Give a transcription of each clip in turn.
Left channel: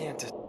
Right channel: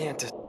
can't.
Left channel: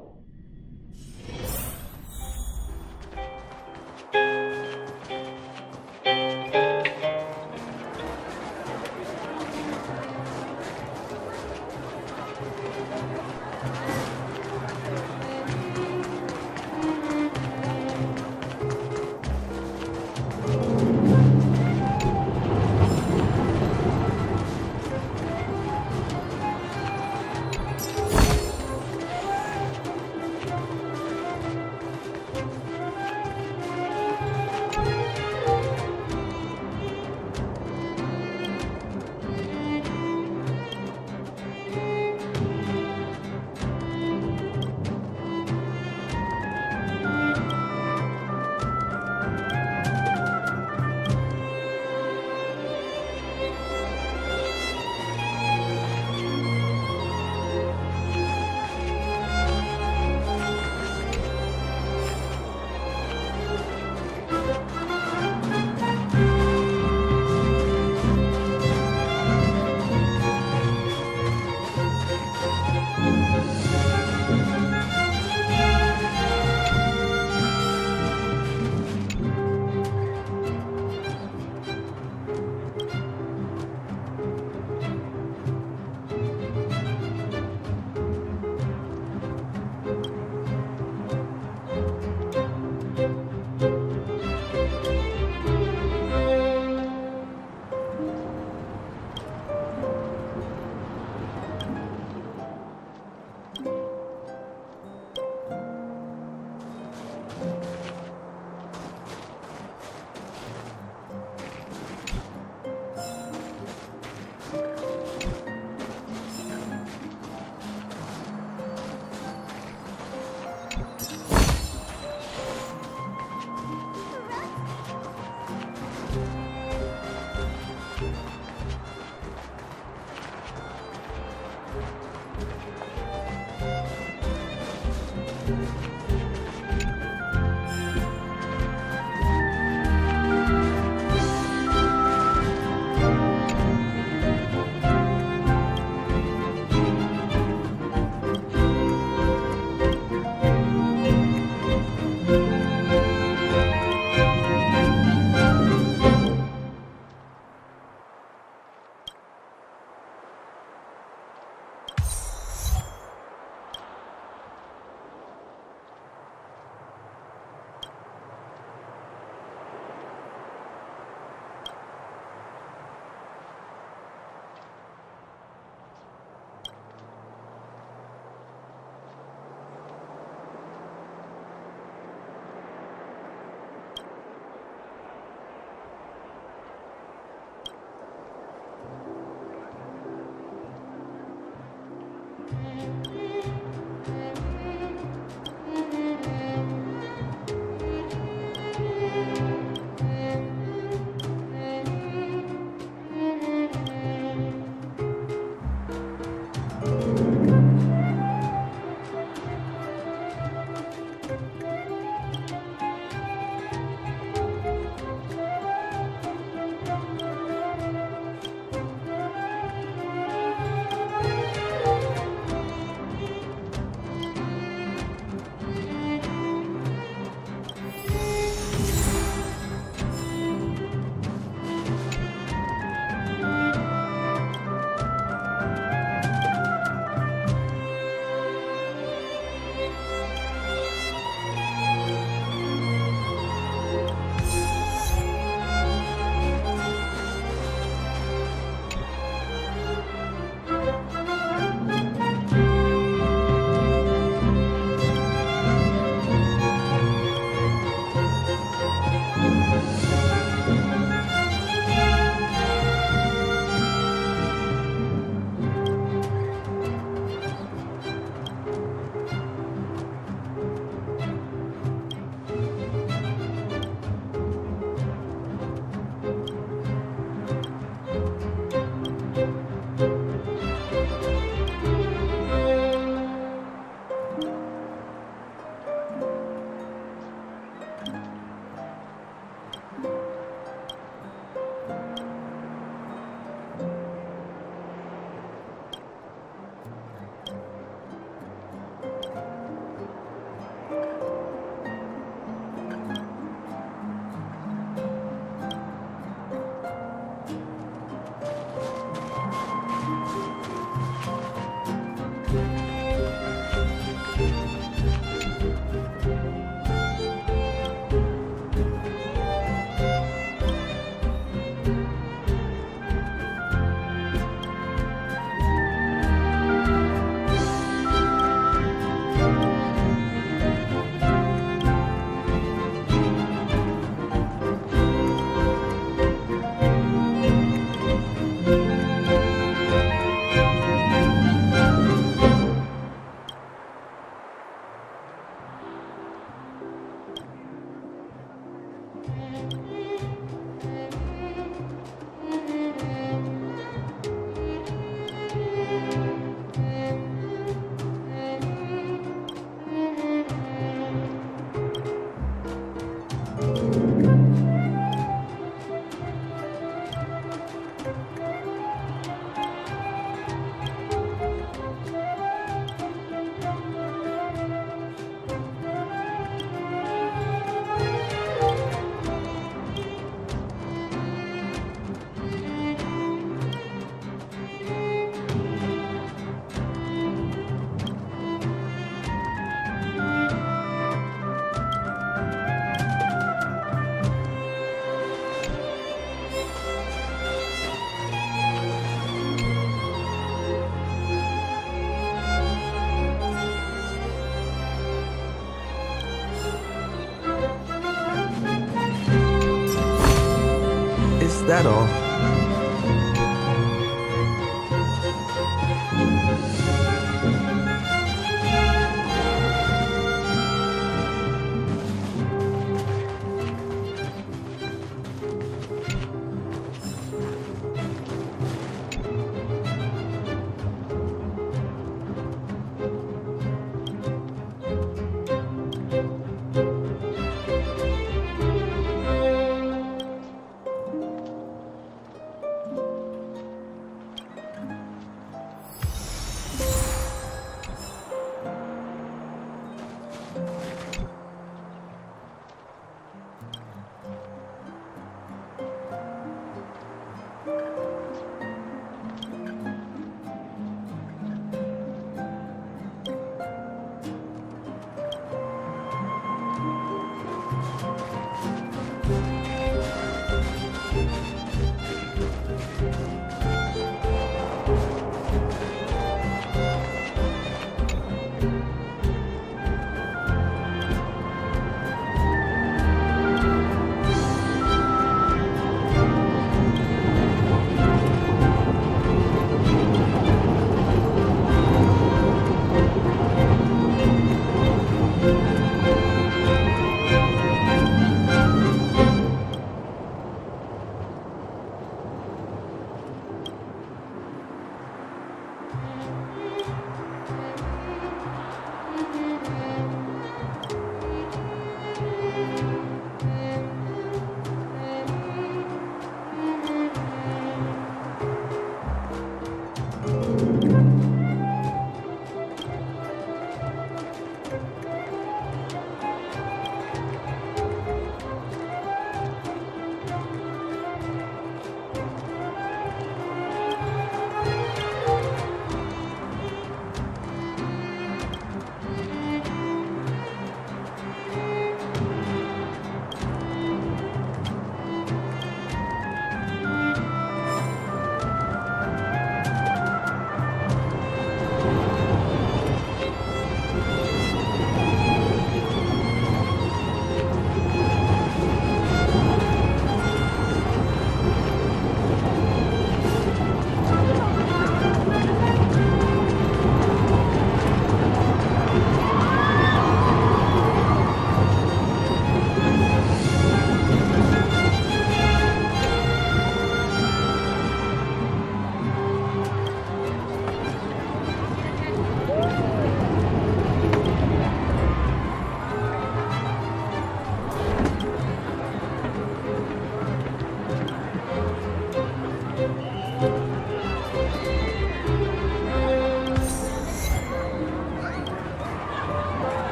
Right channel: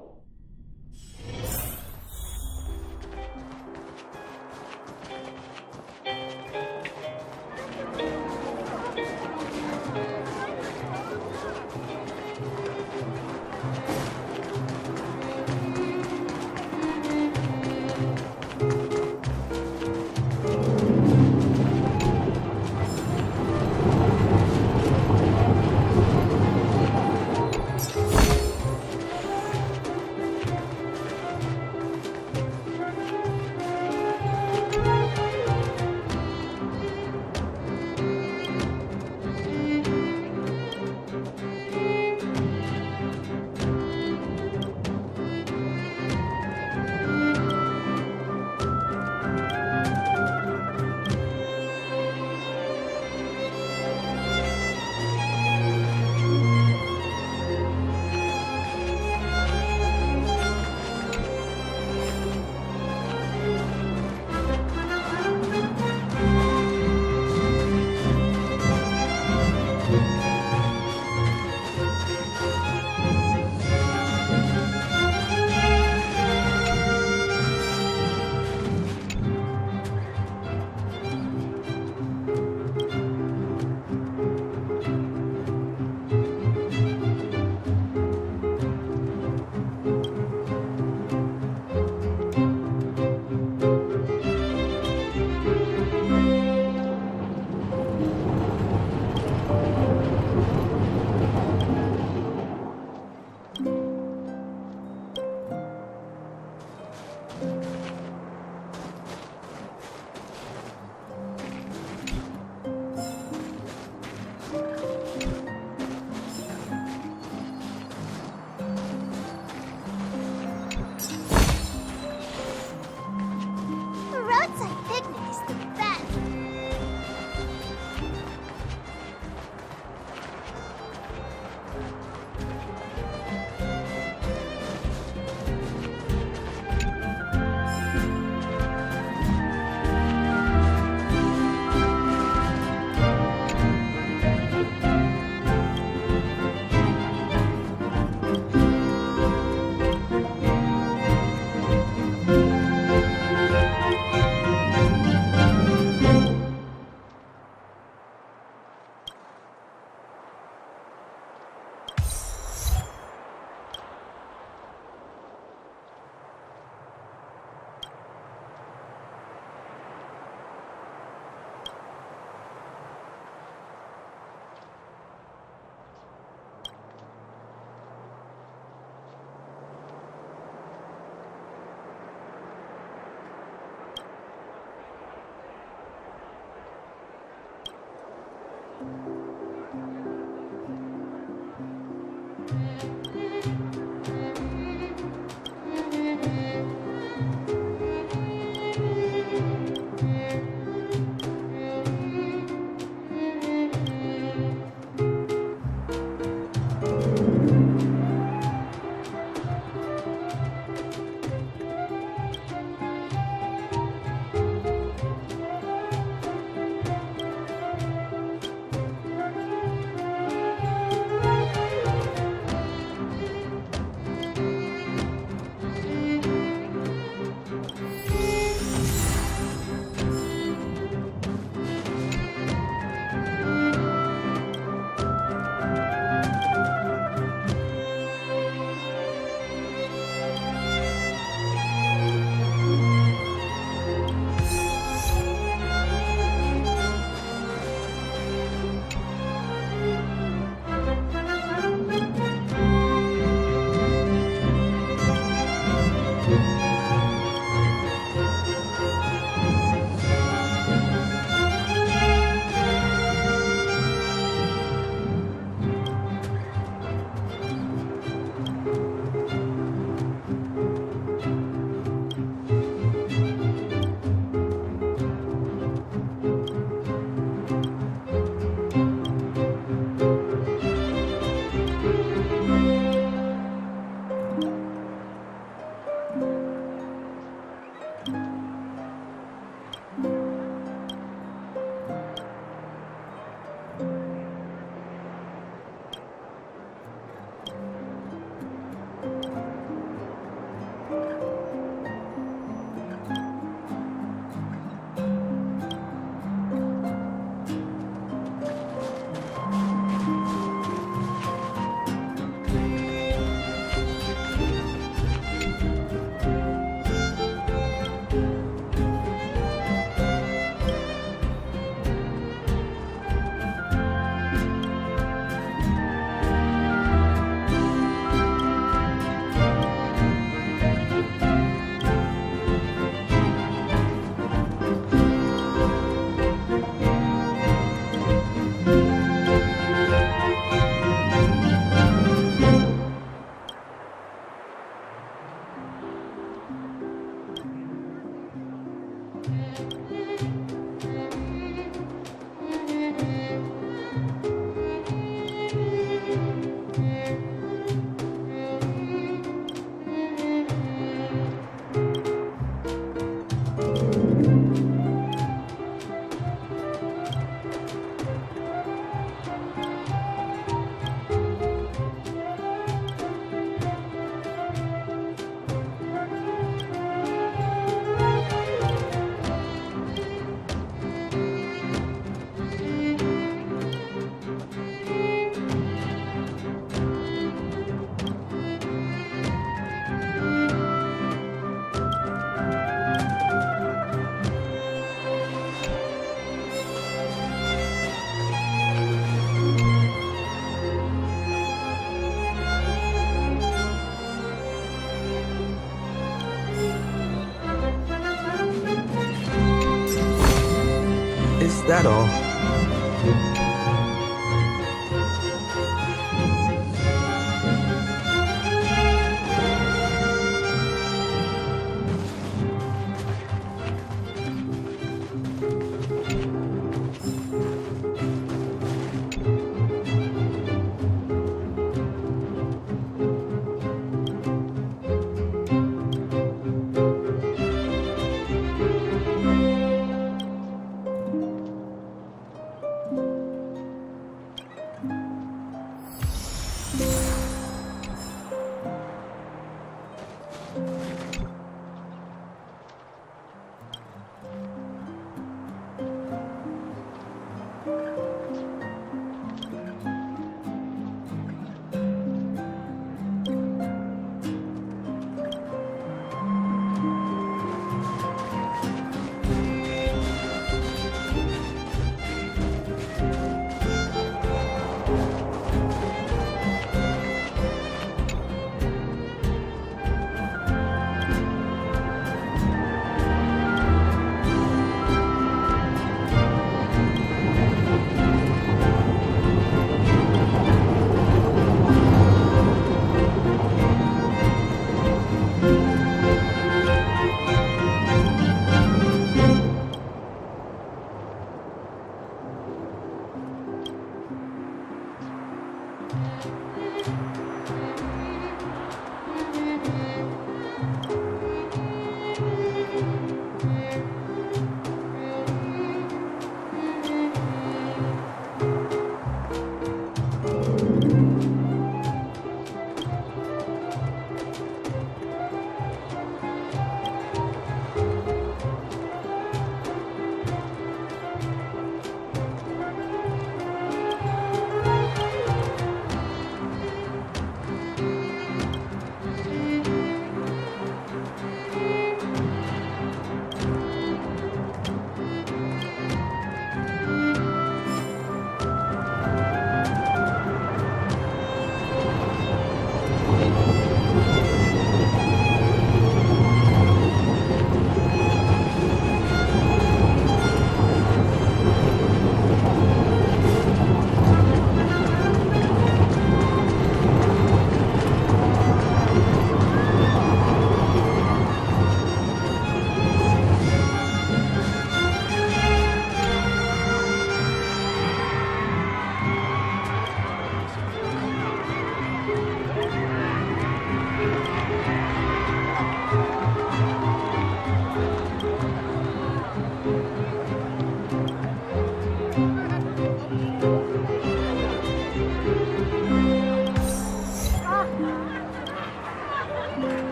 Is that all?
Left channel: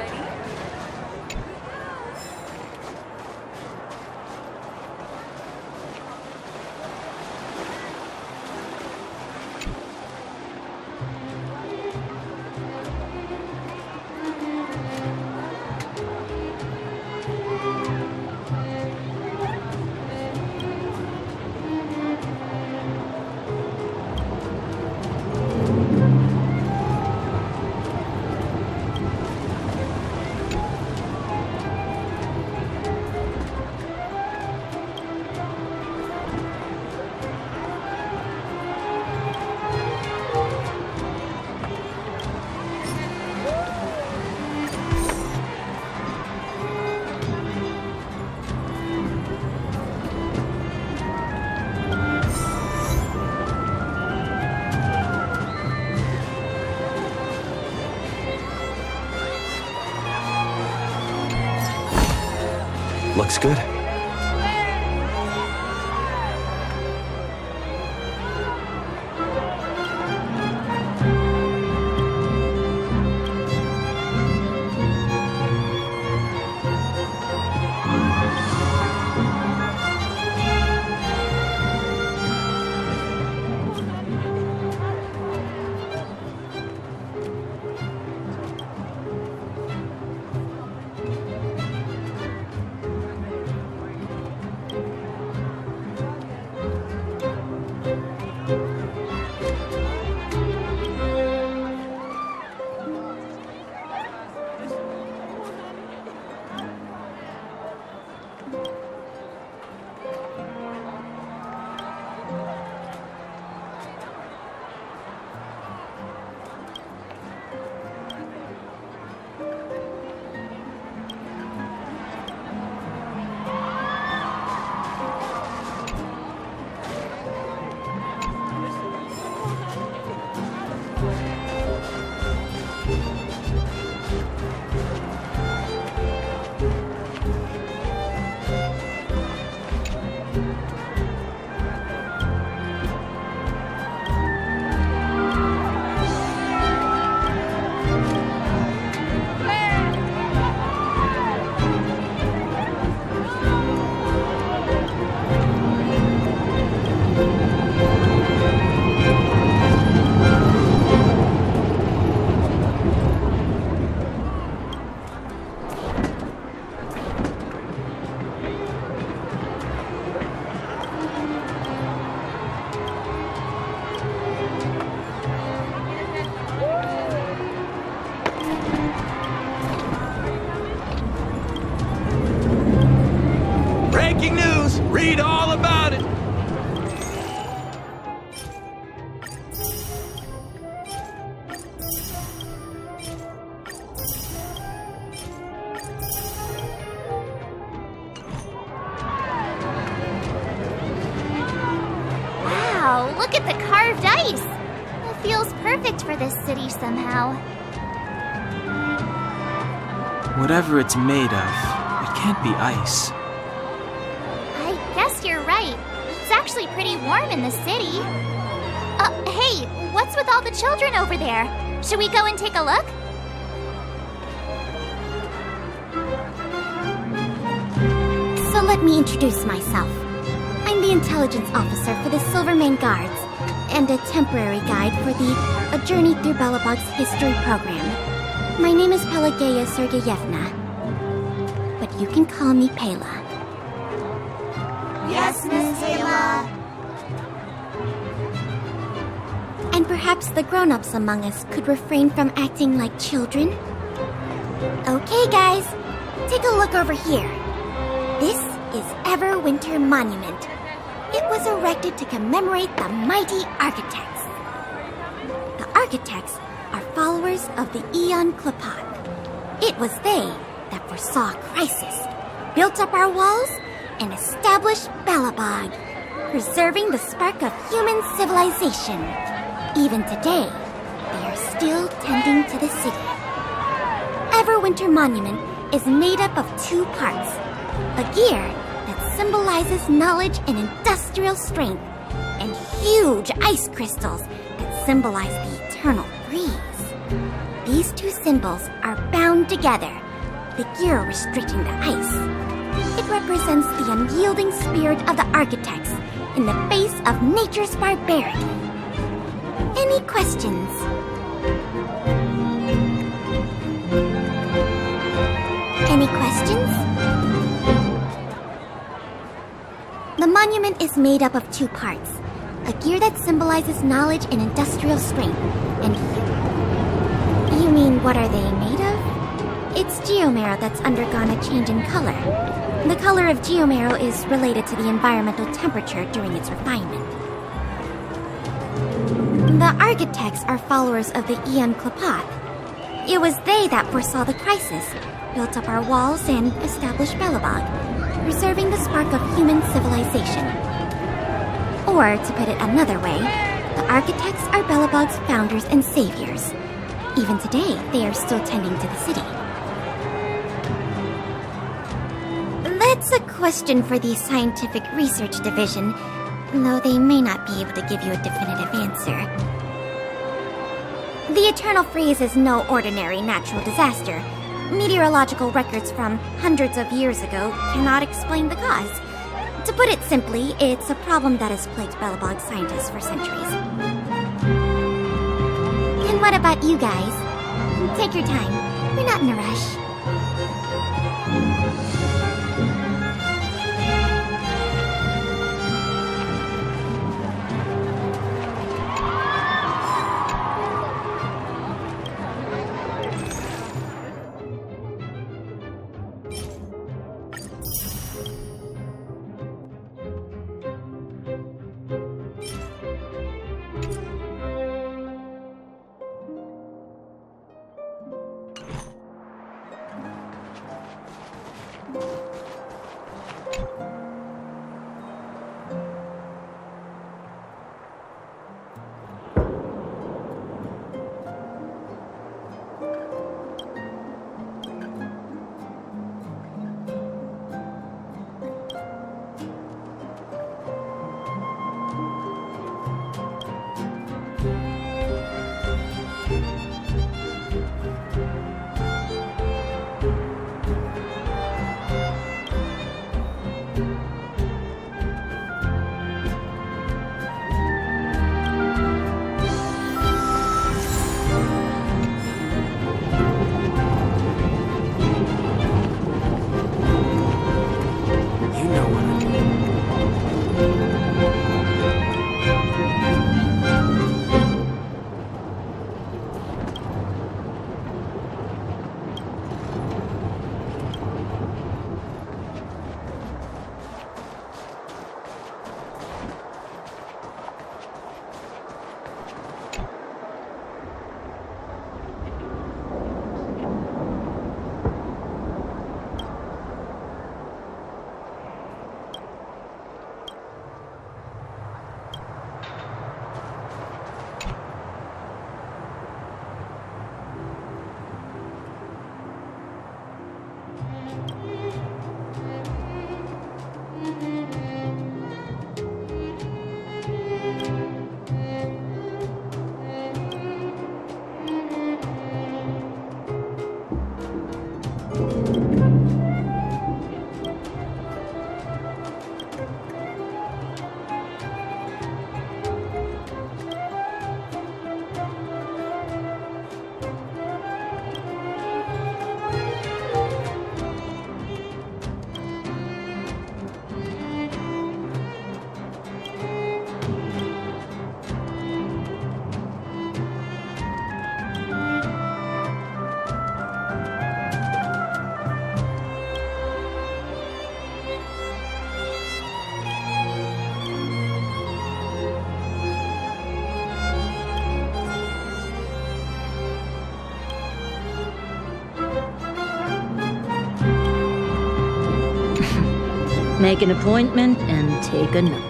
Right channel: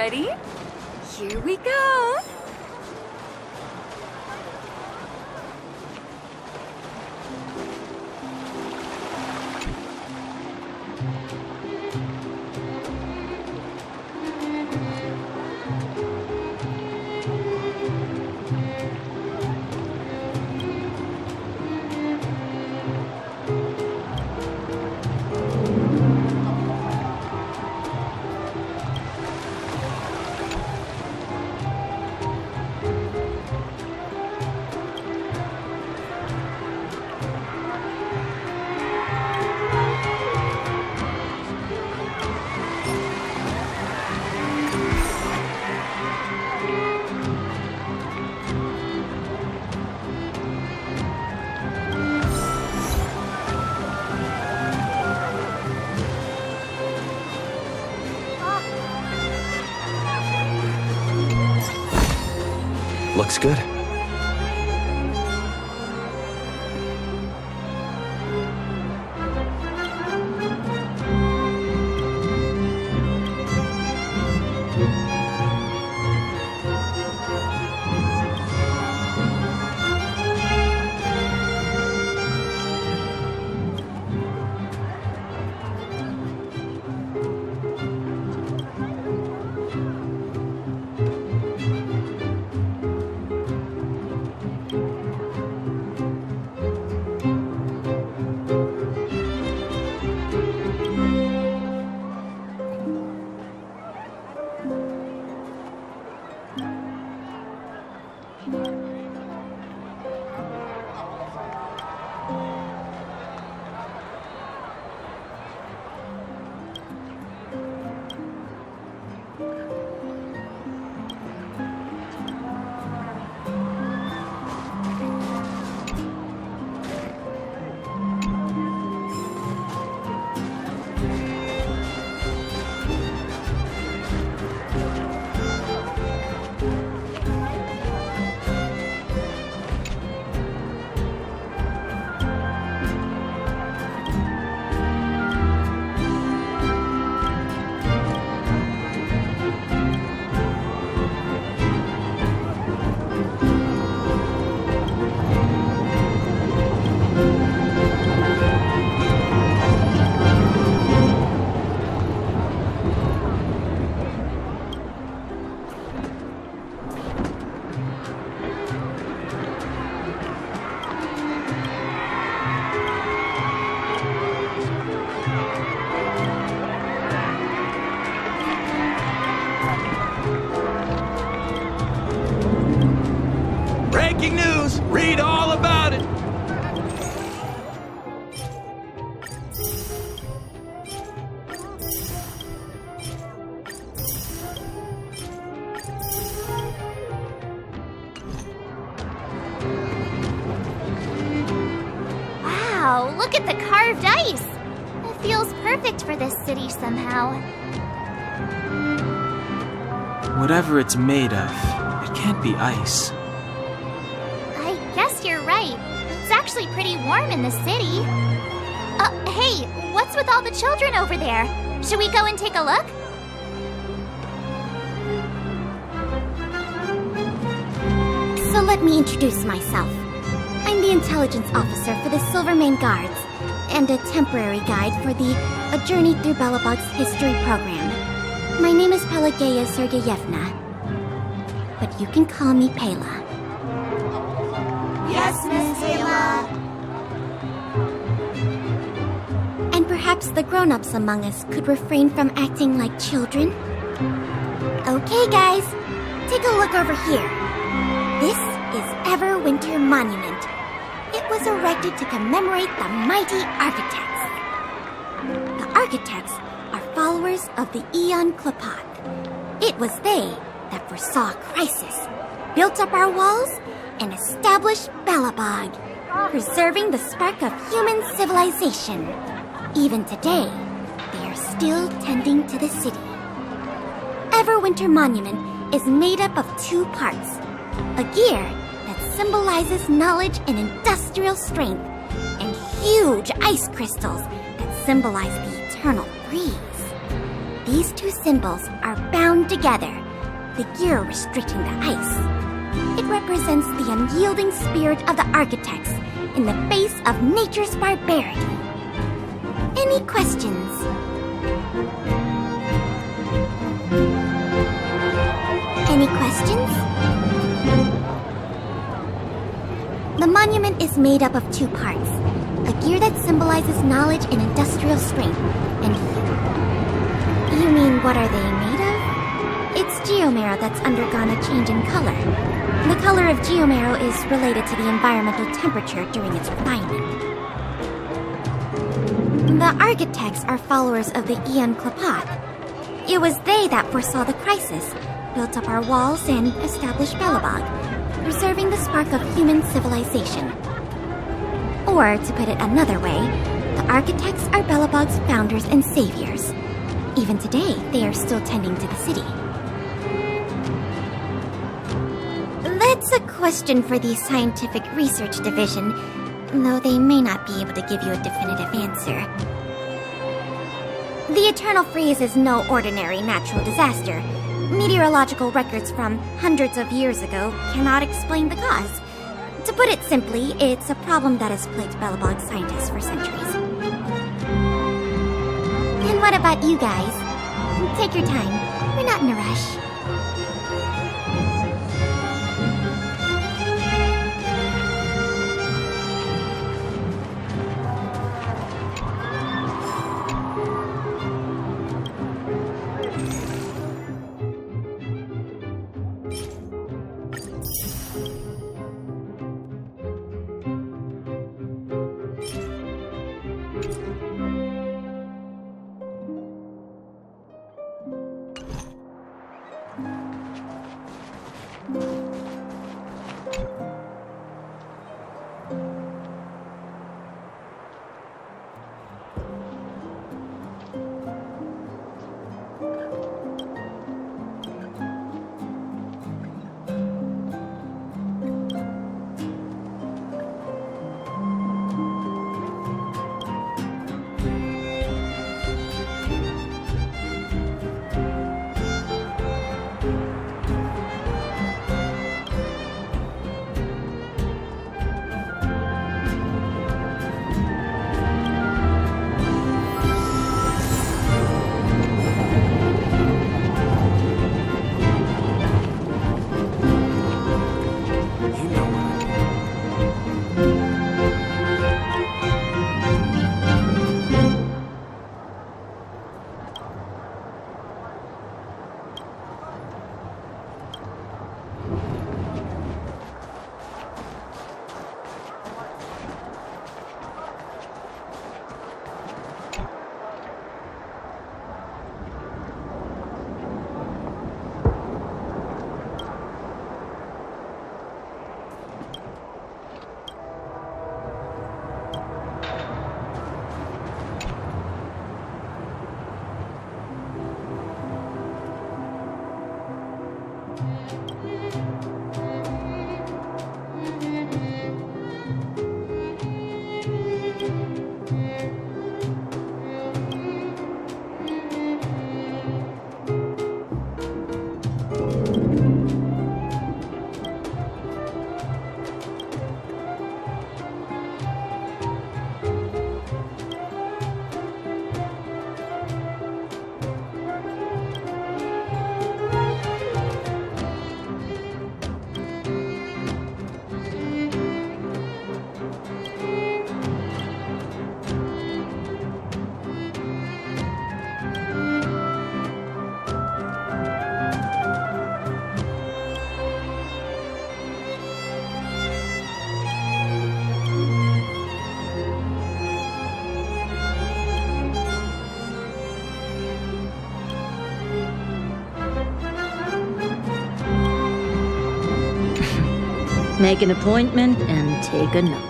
Ready? Here we go. Looks good. Breaking news! Read all about it! Wow, look at the carved ice! It feels perfect for this city somehow. Whatever it's made of, it can't be ice. I guess you're right. It's actually pretty warm in the city. Hey, what's with all the children over there? Should we go and take a look? So let me introduce myself. I'm the intelligence officer for the Silvermane Guards, and a temporary guide for the A Journey Through Belobog's history program. My name is Pelageya Sergeyevna, but you can call me Pela. Yes, Miss Pela. And perhaps the grown-ups among us could refrain from acting like children? Okay, guys, take a look over here. This is Everwinter Monument. It was erected to commemorate the mighty architects. The architects are followers of the Aeon Klapat. It was they that foresaw crisis, built up our walls, and established Belobog, preserving the spark of human civilization. Even today, they are still tending to the city. Everwinter Monument is made up of two parts. A gear that symbolizes knowledge and industrial strength, and huge ice crystals that symbolize the eternal breeze. these two symbols are bound together, the gear restricting the ice. It represents the unyielding spirit of the architects in the face of nature's barbarity. Any questions? Any questions? The monument is made up of two parts. A gear that symbolizes knowledge and industrial strength, and you mean what are they made of? It's geomarrow that's undergone a change in color. The color of geomarrow is related to the environmental temperature during its refinement. The architects are followers of the Aeon Klapath. It was they that foresaw the crisis, built up our walls, and established Belobog, preserving the spark of human civilization. Or, to put it another way, the architects are Belobog's founders and saviors. Even today, they are still tending to the city. That's a question for the Scientific Research Division, though they may not be able to give you a definitive answer. The Eternal Freeze is no ordinary natural disaster. Meteorological records from hundreds of years ago cannot explain the cause. To put it simply, it's a problem that has plagued Belobog scientists for centuries. And what about you guys? Take your time. We're not in a rush. Make an appointment and take a note.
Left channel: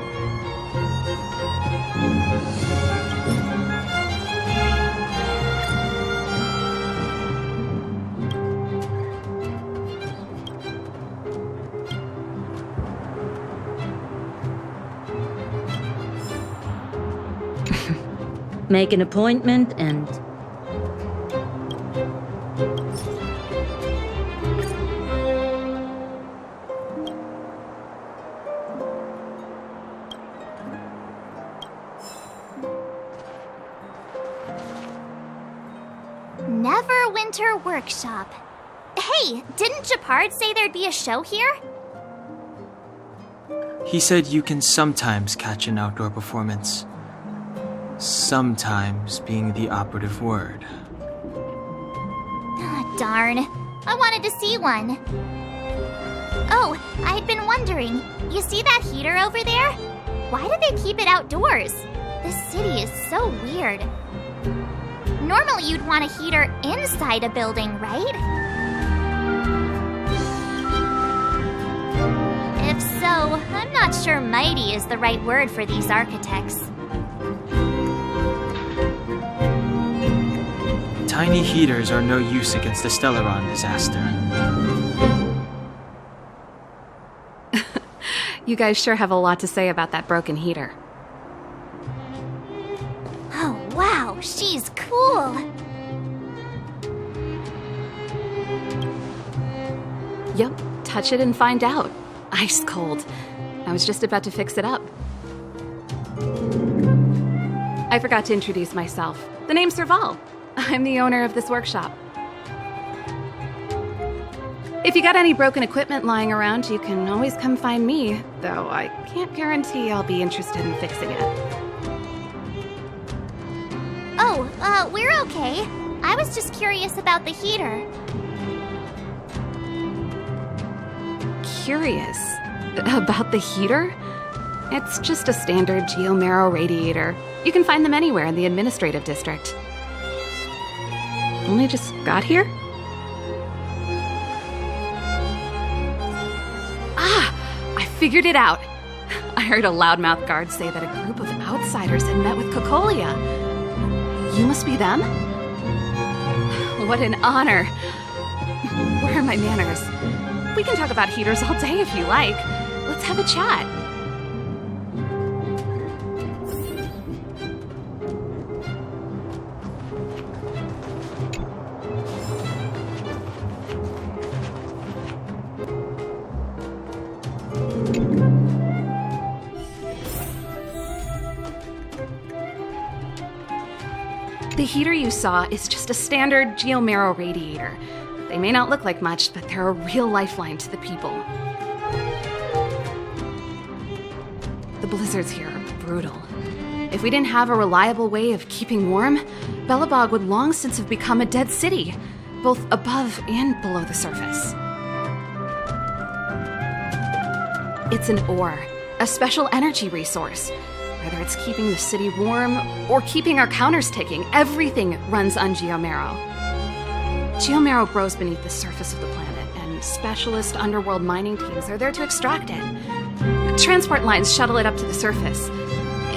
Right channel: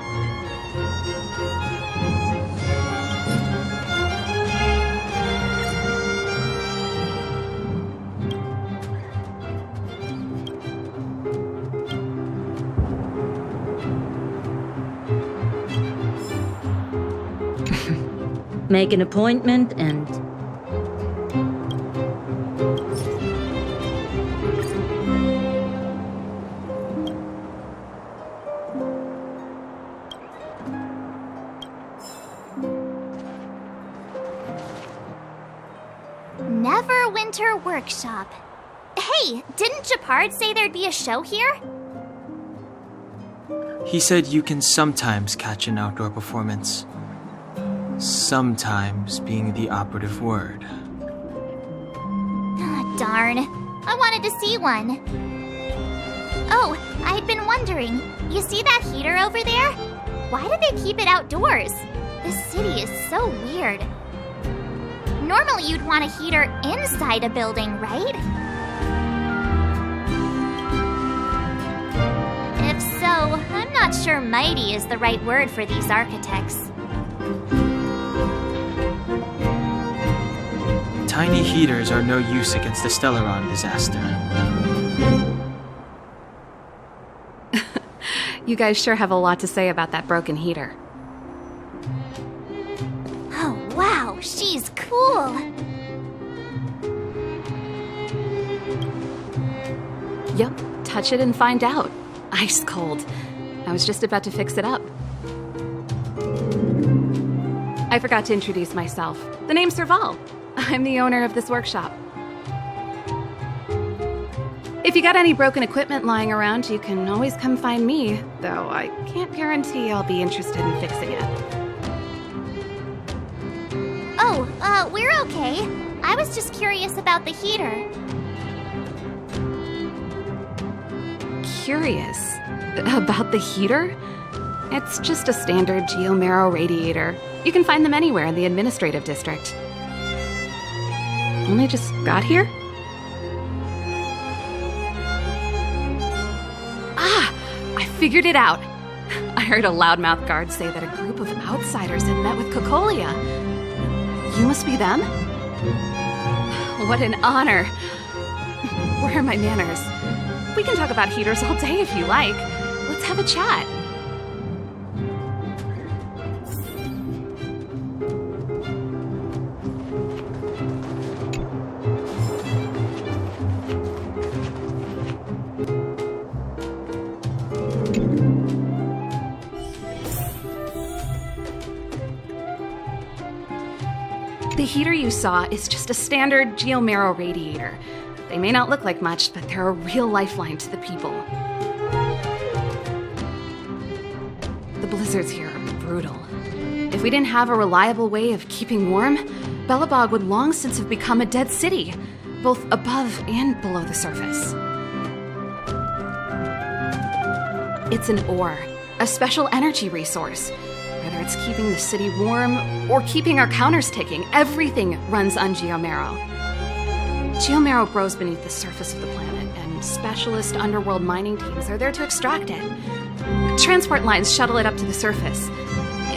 Make an appointment and Neverwinter Workshop. Hey, didn't Japard say there'd be a show here? He said you can sometimes catch an outdoor performance. Sometimes being the operative word. Ah, darn. I wanted to see one. Oh, I'd been wondering. You see that heater over there? Why do they keep it outdoors? This city is so weird. Normally you'd want a heater inside a building, right? If so, I'm not sure mighty is the right word for these architects. Tiny heaters are no use against the Stellaron disaster. You guys sure have a lot to say about that broken heater. Oh, wow, she's cool. Yep, touch it and find out. Ice cold. I was just about to fix it up. I forgot to introduce myself. The name's Serval. I'm the owner of this workshop. If you got any broken equipment lying around, you can always come find me, though I can't guarantee I'll be interested in fixing it. Oh, we're okay. I was just curious about the heater. Curious? About the heater? It's just a standard geomarrow radiator. You can find them anywhere in the administrative district. Only just got here? Ah! I figured it out! I heard a loudmouth guard say that a group of outsiders had met with Cocolia. You must be them? What an honor! Where are my manners? We can talk about heaters all day if you like. Let's have a chat. The heater you saw is just a standard geomarrow radiator. They may not look like much, but they're a real lifeline to the people. The blizzards here are brutal. If we didn't have a reliable way of keeping warm, Belobog would long since have become a dead city, both above and below the surface. It's an ore, a special energy resource. Whether it's keeping the city warm or keeping our counters ticking, everything runs on geomarrow. Geomarrow grows beneath the surface of the planet, and specialist underworld mining teams are there to extract it. Transport lines shuttle it up to the surface.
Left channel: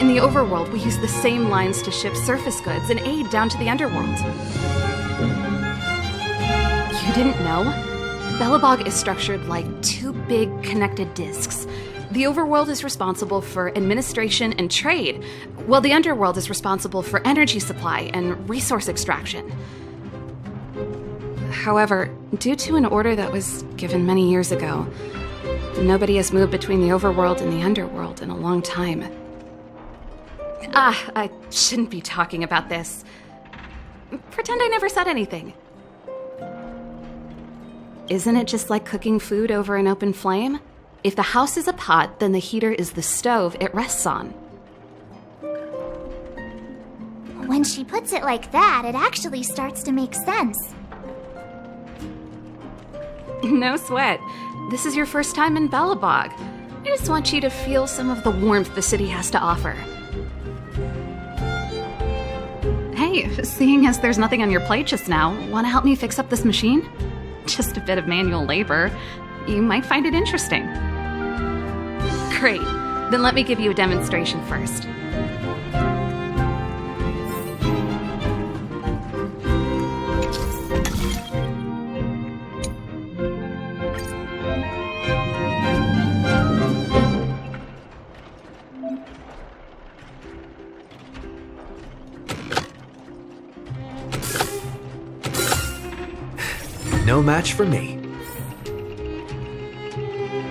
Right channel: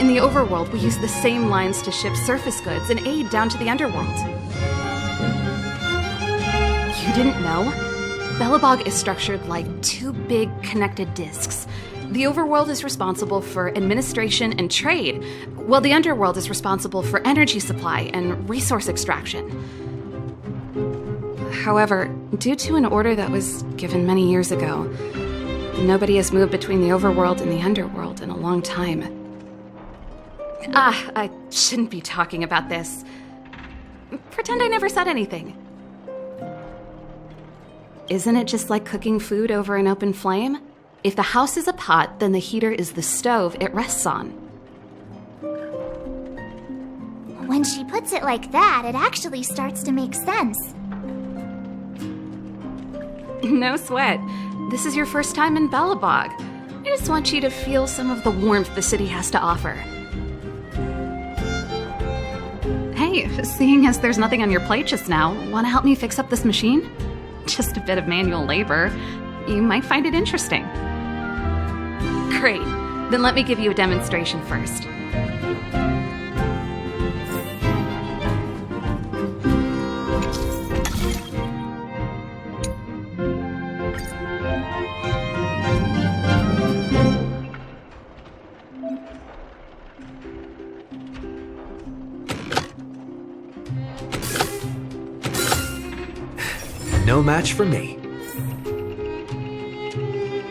In the overworld, we use the same lines to ship surface goods and aid down to the underworld. You didn't know? Belobog is structured like two big connected disks. The overworld is responsible for administration and trade, while the underworld is responsible for energy supply and resource extraction. However, due to an order that was given many years ago, nobody has moved between the overworld and the underworld in a long time. I shouldn't be talking about this. Pretend I never said anything. Isn't it just like cooking food over an open flame? If the house is a pot, then the heater is the stove it rests on. When she puts it like that, it actually starts to make sense. No sweat. This is your first time in Belobog. I just want you to feel some of the warmth the city has to offer. Hey, seeing as there's nothing on your plate just now, want to help me fix up this machine? Just a bit of manual labor. You might find it interesting. Great. Then let me give you a demonstration first. No match for me.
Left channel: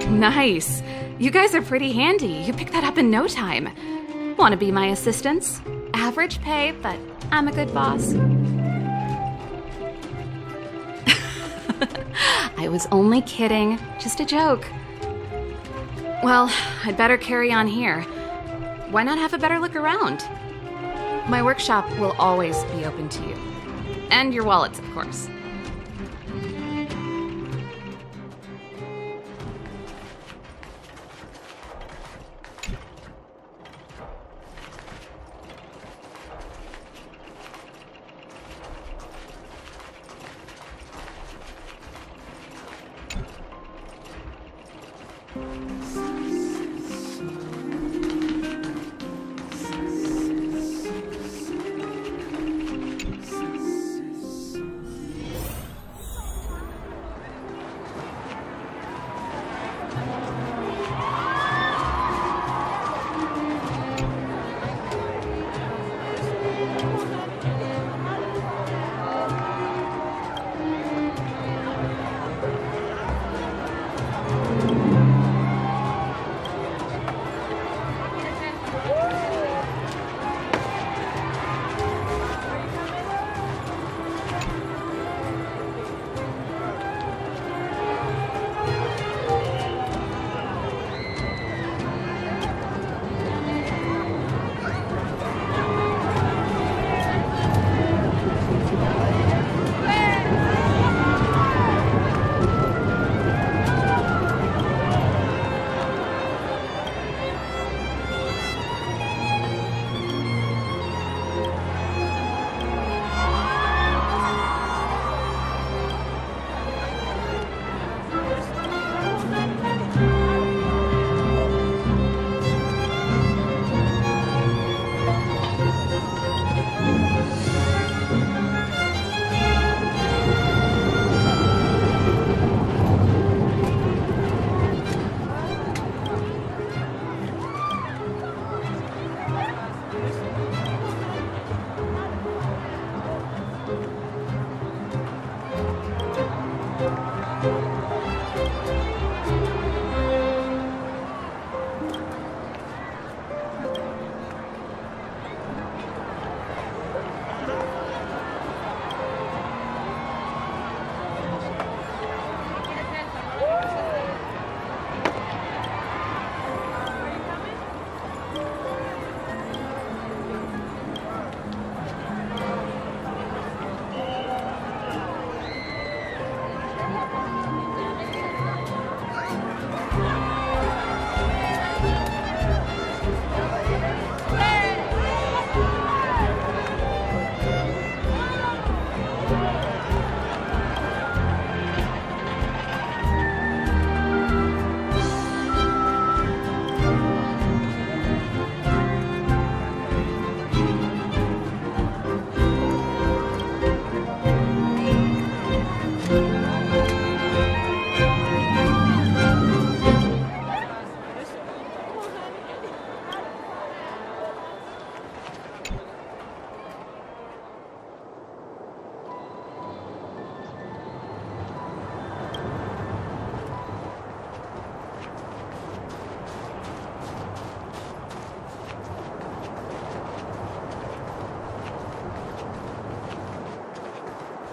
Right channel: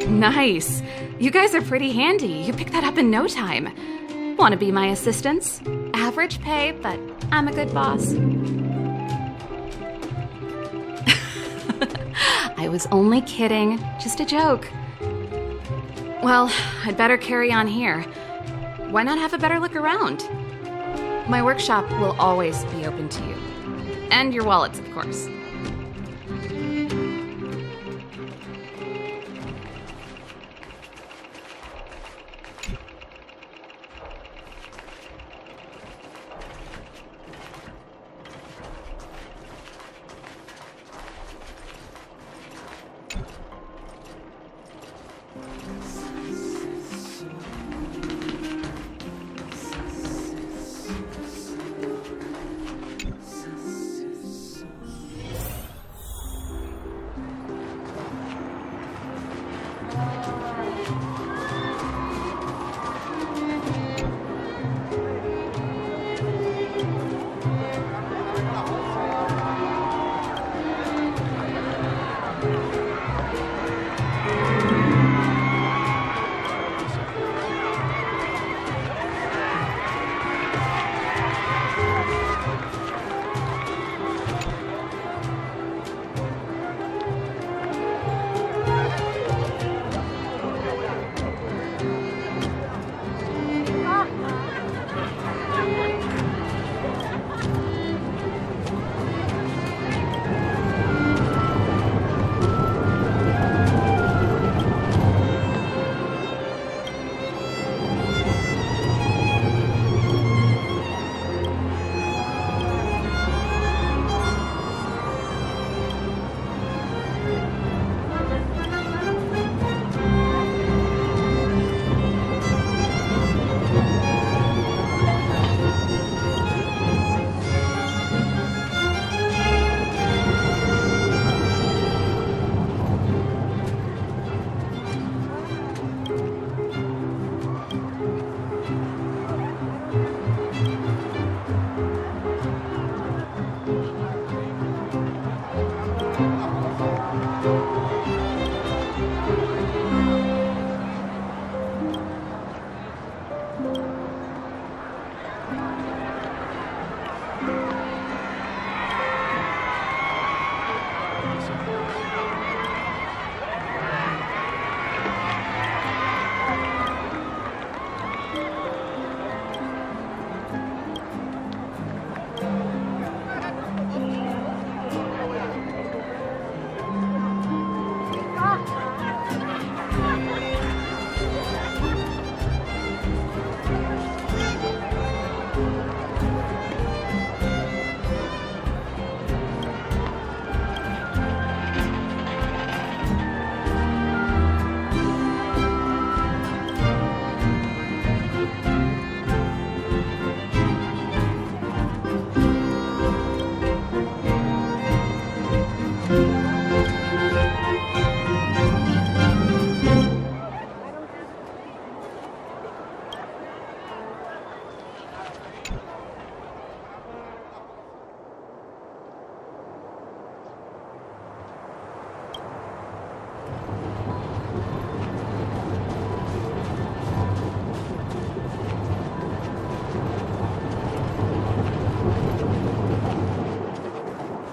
Nice. You guys are pretty handy. You picked that up in no time. Want to be my assistants? Average pay, but I'm a good boss. I was only kidding. Just a joke. Well, I'd better carry on here. Why not have a better look around? My workshop will always be open to you. And your wallets, of course.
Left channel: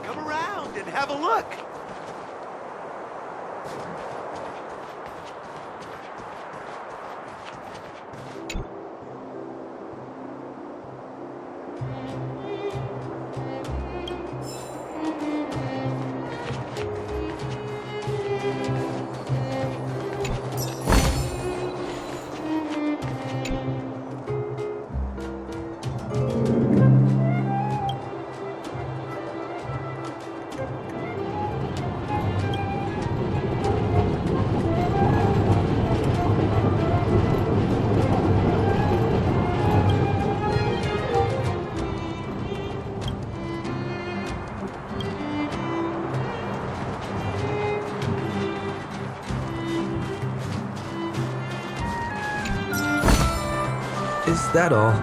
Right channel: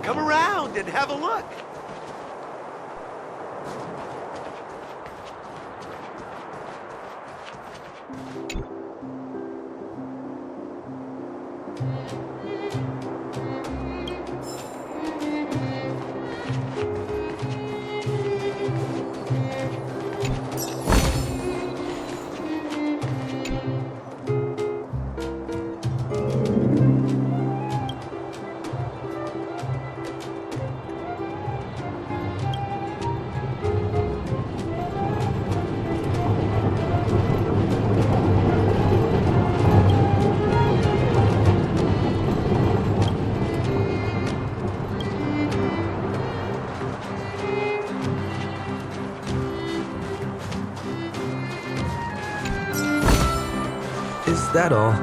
Come around and have a look. Is that all?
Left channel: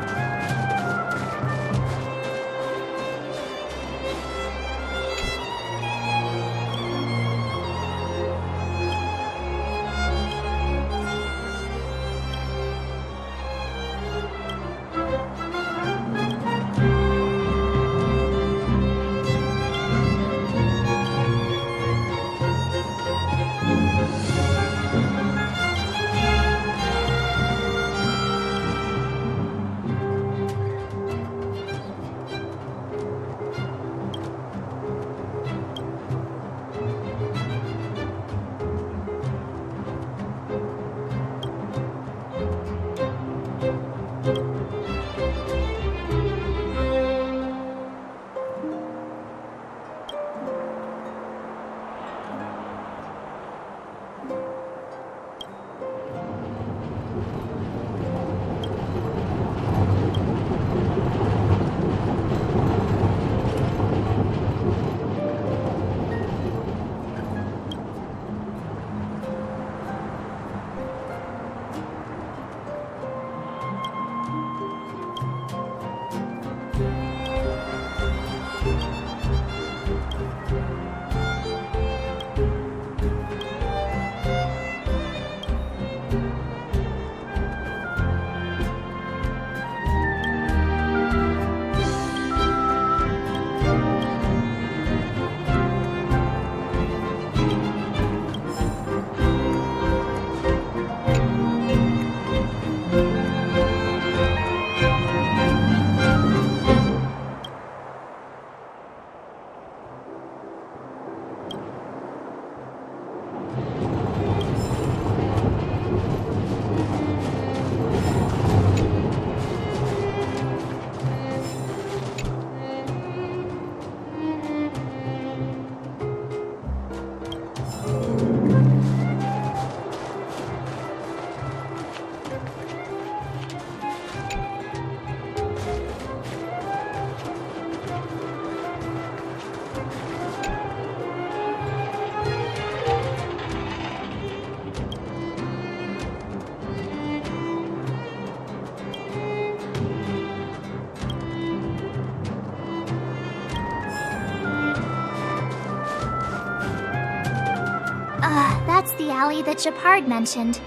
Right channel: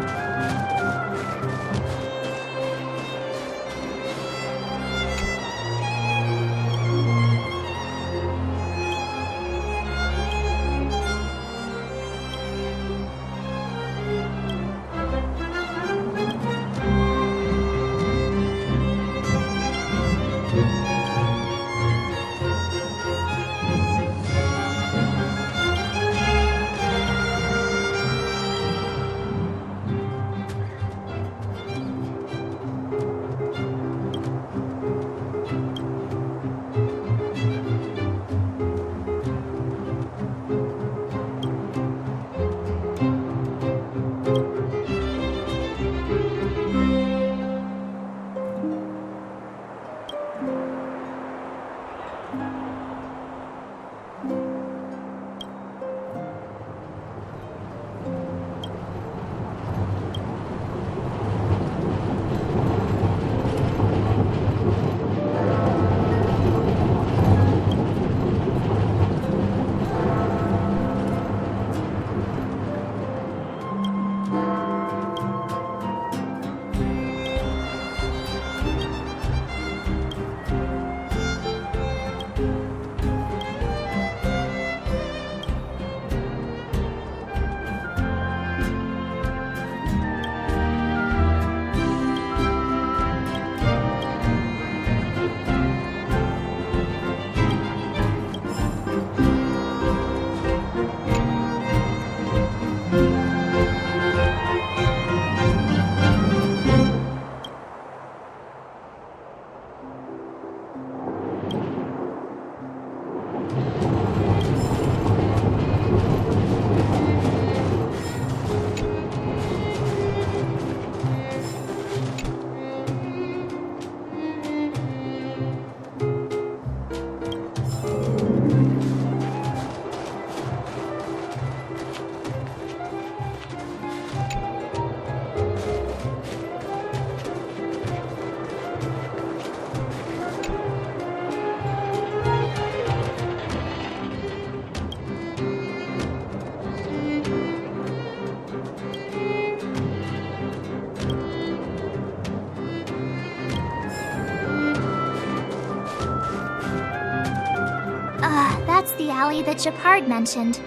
That's the alley that Shepard mentioned.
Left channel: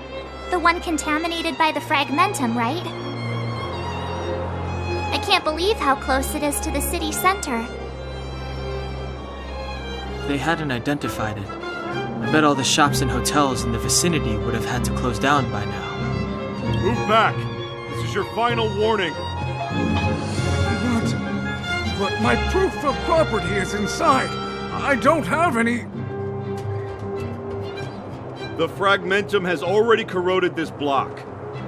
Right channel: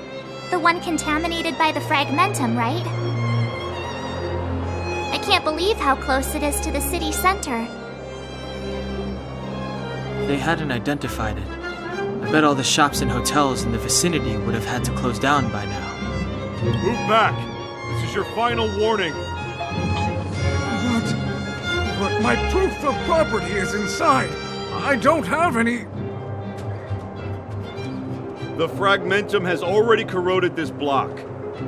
The one contaminated by the fragmentum, right? I can't believe how close it is to the city center. They hadn't identified it. I bet all the shops and hotels in the vicinity would have had to close down by now. Move back! This is your final warning. But my proof of property is inside. I don't have any... The fragmentum has already corroded this block.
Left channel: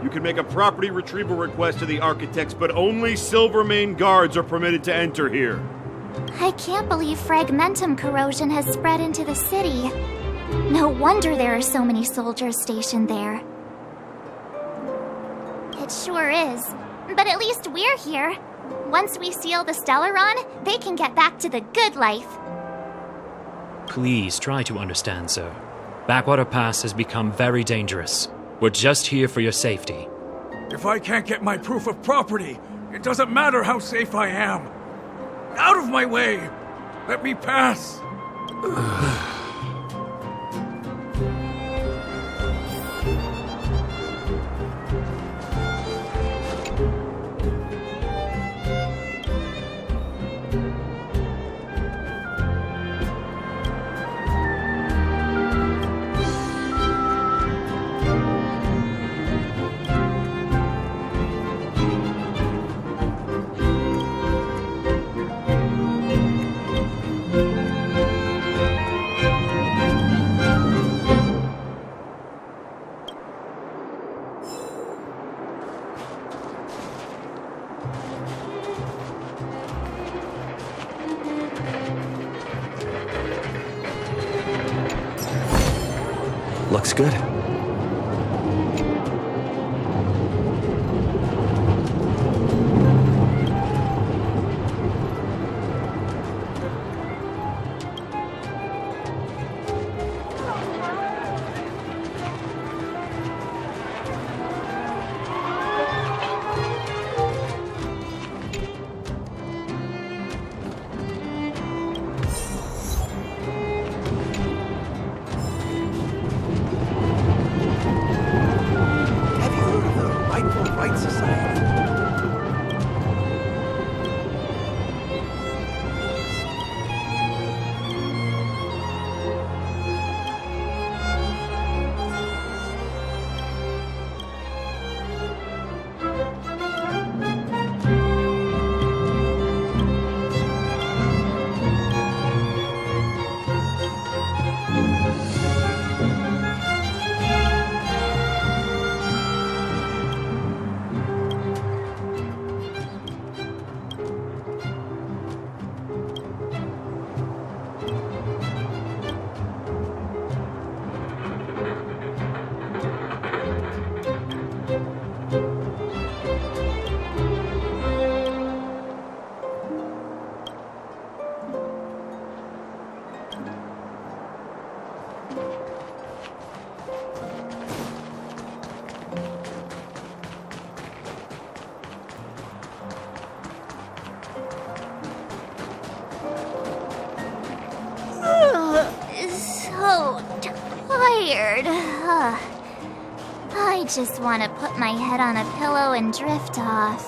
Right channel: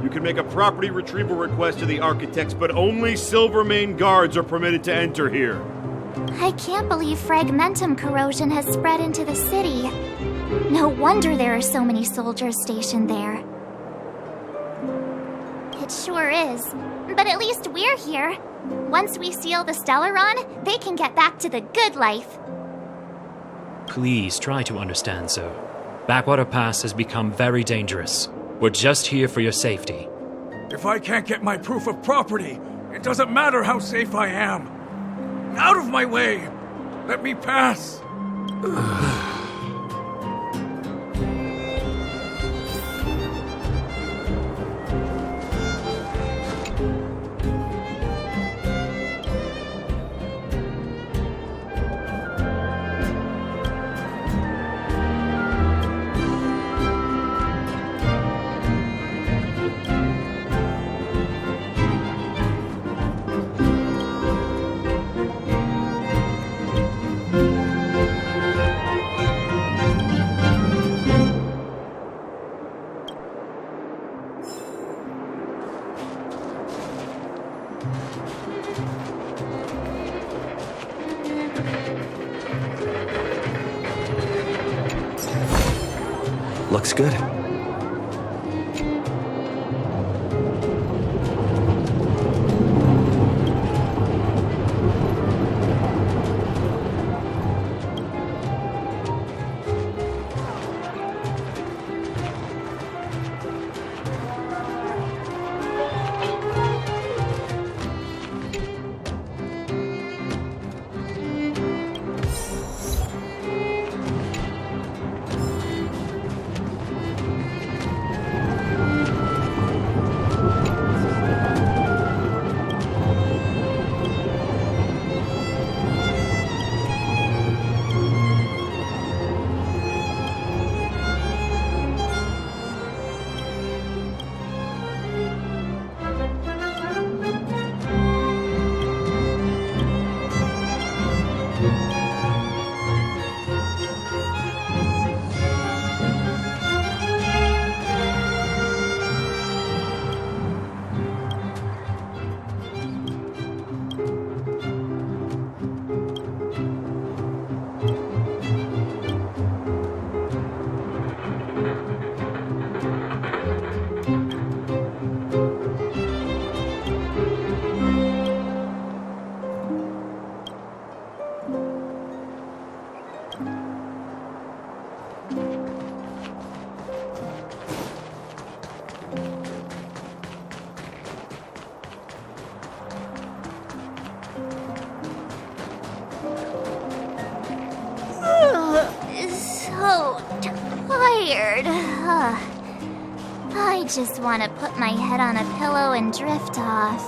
You can make a property retrieval request to the architects, but only Silvermane guards are permitted to enter here. I can't believe fragmentum corrosion has spread into the city. No wonder there are so many soldiers stationed there. It sure is. But at least we're here. Once we seal the Stellaron, they can get back to the good life. Please try to understand, sir. Backwater Pass has become very dangerous. We're just here for your safety. If I can't get my proof of property, it doesn't matter how safe I am. Out of my way! Let me pass! Looks good. Tired. I just want to put my head on a pillow and drift off.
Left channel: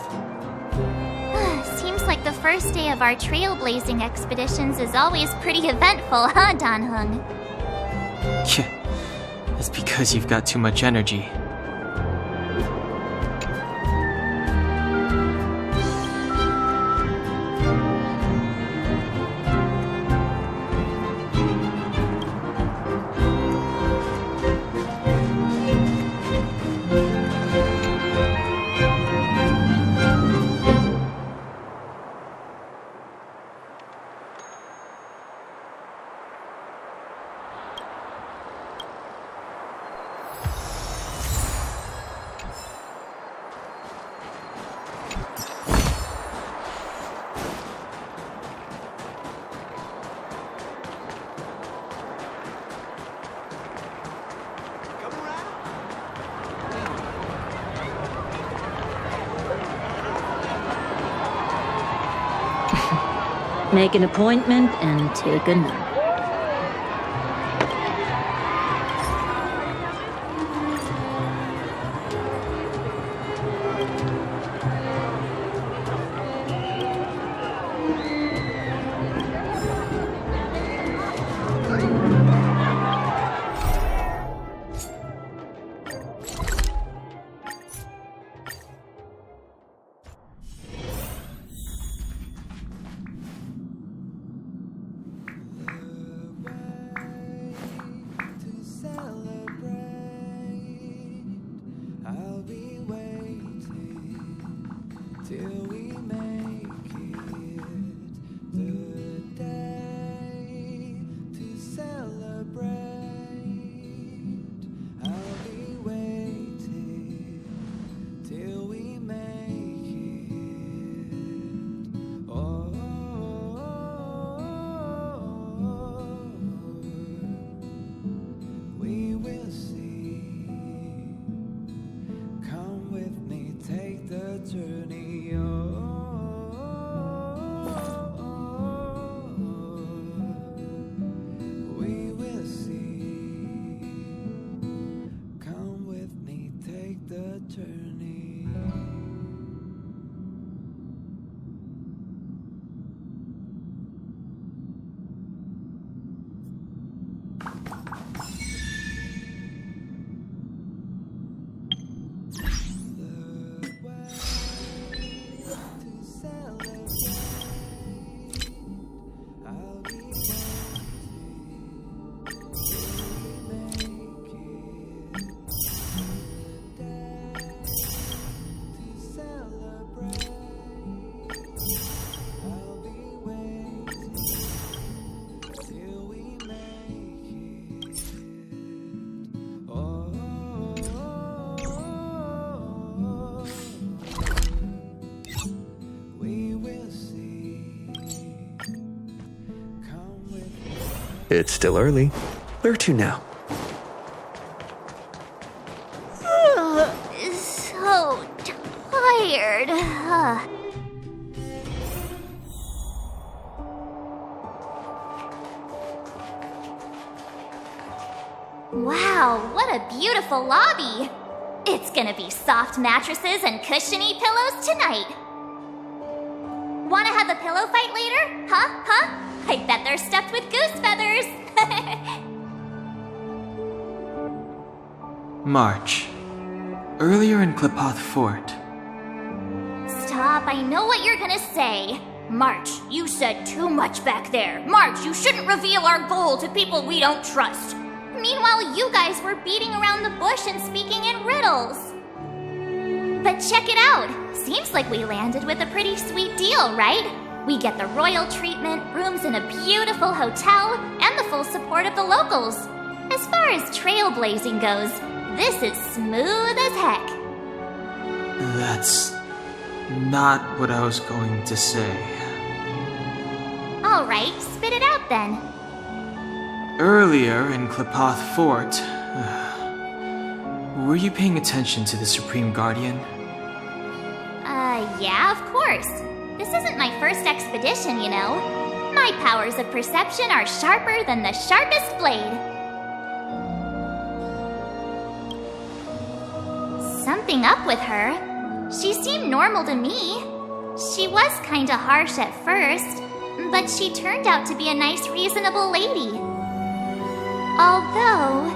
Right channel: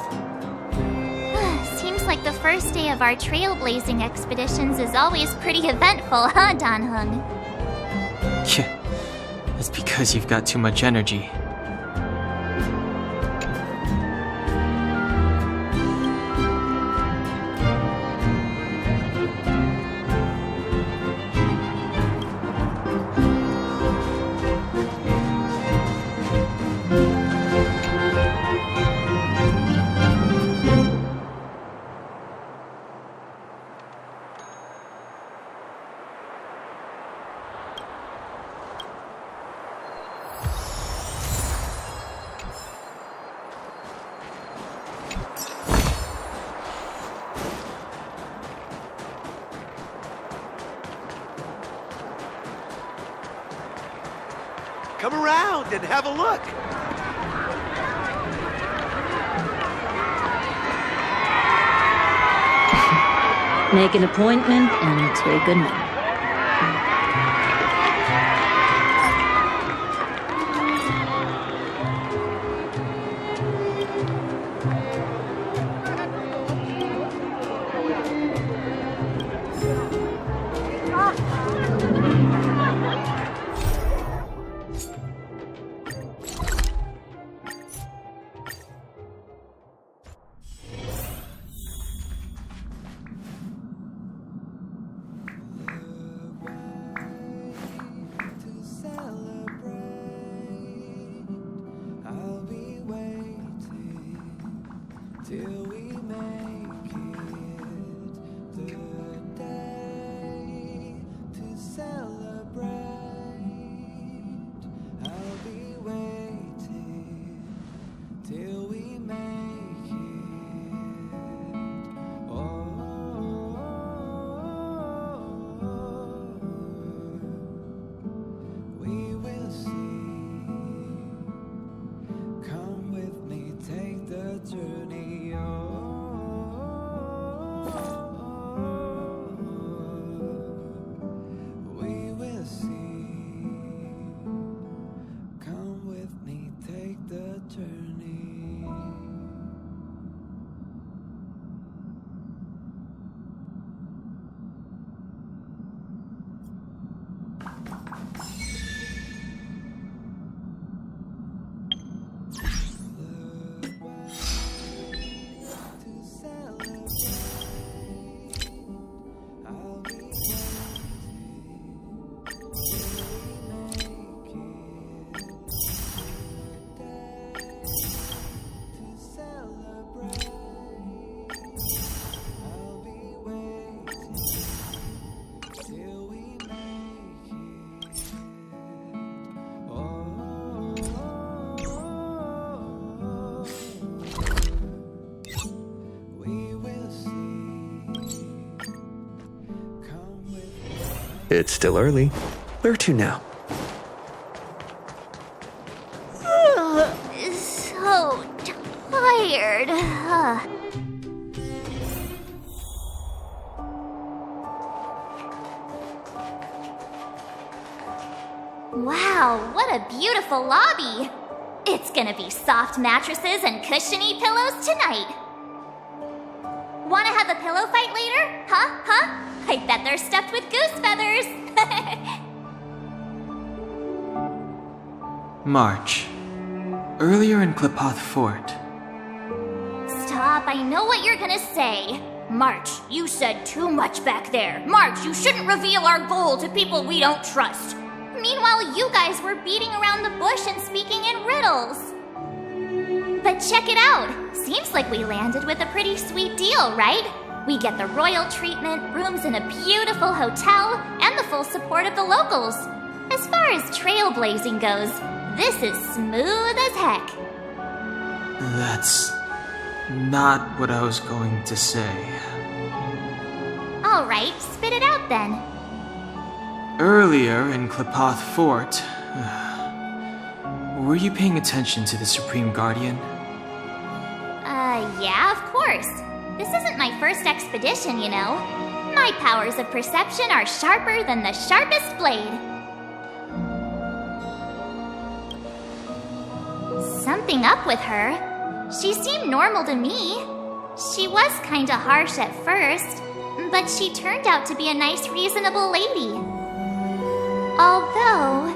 Seems like the first day of our trailblazing expeditions is always pretty eventful, huh, Dan-hung? It's because you've got too much energy. Come around and have a look. Make an appointment and take a note. journey. We will see. Come with me, take the journey. It's still early. Where to now? So tired. Wow, what a beautiful lobby. It's gonna be soft mattresses and cushiony pillows tonight. Wanna have a pillow fight later? Huh? I bet they're stuffed with goose feathers. March. Earlier in Klipoth Fort. Stop, I know what you're gonna say. March, you said too much back there. March, you shouldn't reveal our goal to people we don't trust. Meanwhile, you guys were beating around the bush and speaking in riddles. But check it out. Seems like we landed with a pretty sweet deal, right? We get the royal treatment, rooms in a beautiful hotel, and the full support of the locals. As far as trailblazing goes, this is smooth as heck. That's not what I was going to say. All right, spit it out then. Earlier in Klipoth Fort, were you paying attention to the Supreme Guardian? Yeah, of course. This isn't my first expedition, you know. My powers of perception are sharper than the sharpest blade. Something up with her. She seemed normal to me. She was kinda harsh at first, but she turned out to be a nice, reasonable lady. Although,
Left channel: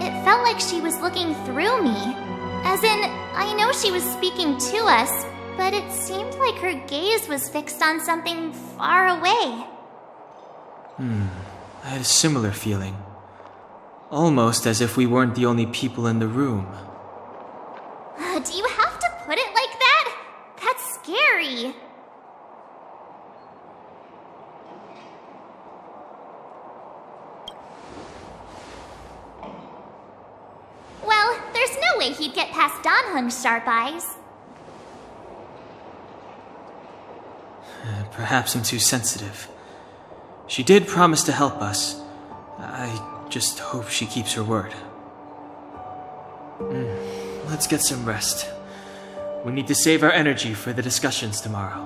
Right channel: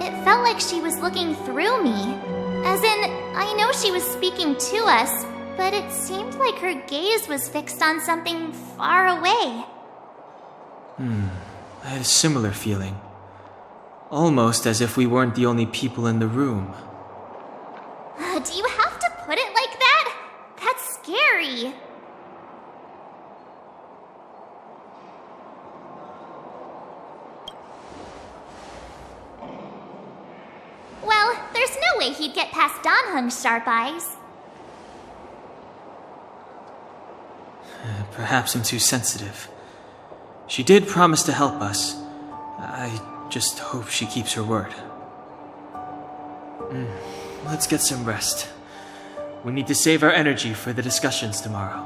it felt like she was looking through me. As in, I know she was speaking to us, but it seemed like her gaze was fixed on something far away. I had a similar feeling. Almost as if we weren't the only people in the room. Do you have to put it like that? That's scary. Well, there's no way he'd get past Danhung's sharp eyes. Perhaps I'm too sensitive. She did promise to help us. I just hope she keeps her word. Let's get some rest. We need to save our energy for the discussions tomorrow.